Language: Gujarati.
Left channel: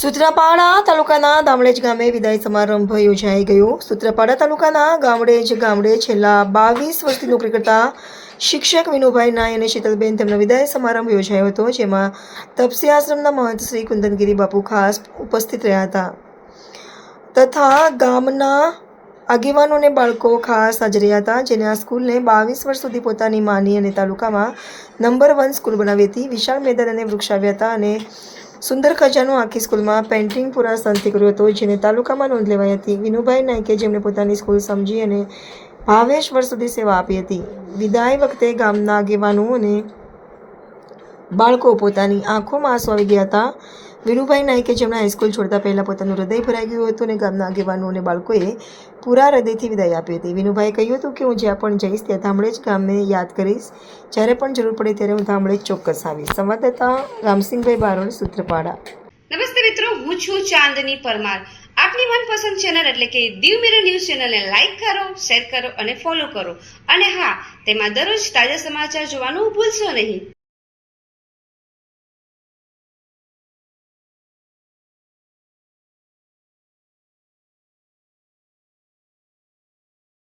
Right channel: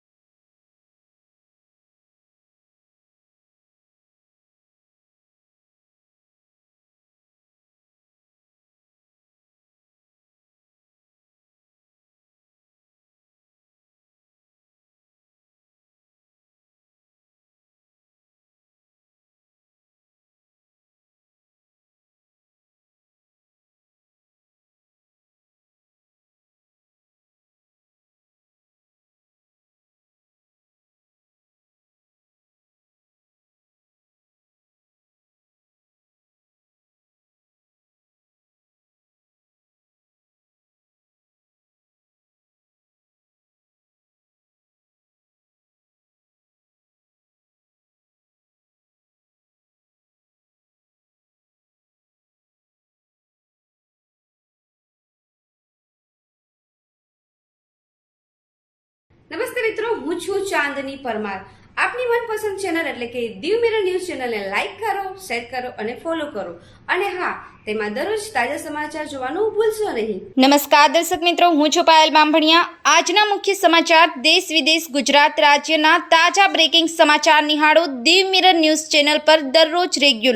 સૂત્રાપાડા તાલુકાના ગામડેજ ગામે વિદાય સમારંભ યોજાઈ ગયો। સૂત્રાપાડા તાલુકાના ગામડેજ ગામડે છેલ્લા 22 વર્ષથી નોકરી કરતા શિક્ષક વિનુભાઈ નાય અને શીતલબેન તેમનો વિદાય સમારંભ યોજાયો હતો, જેમાં તપસી આશ્રમના મહંત શ્રી કુંદનગીરી બાપુ ખાસ ઉપસ્થિત રહ્યા હતા તથા ગામના આગેવાનો અને બાળકો ખાસ હાજર રહ્યા હતા, જેને આ સ્કૂલને 22 વર્ષ સુધી પોતાની માની અને તાલુકામાં નંબર 1 સ્કૂલ બનાવી હતી। વિશાળ મેદાન અને વૃક્ષ આવ્યા હતા અને સુંદર ખજાનો આખી સ્કૂલમાં પેઇન્ટિંગ પૂરા શાંતિ કર્યો હતો, જેને તાલુકામાં નોંધ લેવાઈ હતી। વિનુભાઈ નાયકે જેમણે પોતાની સ્કૂલ સમજી અને ભાવેશ વર્ષ સુધી સેવા આપી હતી। વિદાય વખતે ગામના આગેવાનો અને બાળકો પોતાની આંખોમાં આંસુ આવી ગયા હતા। વિનુભાઈ નાયકે જેમણે હાઈસ્કૂલ છોડતા પહેલાં પોતાનું હૃદય ભરાઈ ગયું હતું અને ગામના આગેવાનો અને બાળકોએ પૂરા હૃદયથી વિદાય આપી હતી। વિનુભાઈએ કહ્યું હતું કે હું જ્યાં પણ જઈશ ત્યાં ધામડેજ ગામને યાદ કરીશ, જ્યારે પણ જરૂર પડે ત્યારે હું ધામડેજ ચોક્કસ આવીશ। સંવાદદાતા રામસિંહભાઈ બારોડ, સૂત્રાપાડા। નમસ્તે મિત્રો, હું છું ચાંદની પરમાર। આપની મનપસંદ ચેનલ એટલે કે દીવ મિરર ન્યૂઝ ચેનલને લાઈક કરો, શેર કરો અને ફોલો કરો, અને હા, તેમાં દરરોજ તાજા સમાચાર જોવાનું ભૂલશો નહીં। નમસ્કાર દર્શક મિત્રો, હું છું પાયલ બામભણિયા। આજના મુખ્ય સમાચાર દેશ વિદેશ ગુજરાત રાજ્યના તાજા બ્રેકિંગ સમાચાર નિહાળો દીવ મિરર ન્યૂઝ ચેનલ પર દરરોજ રેગ્યુલર।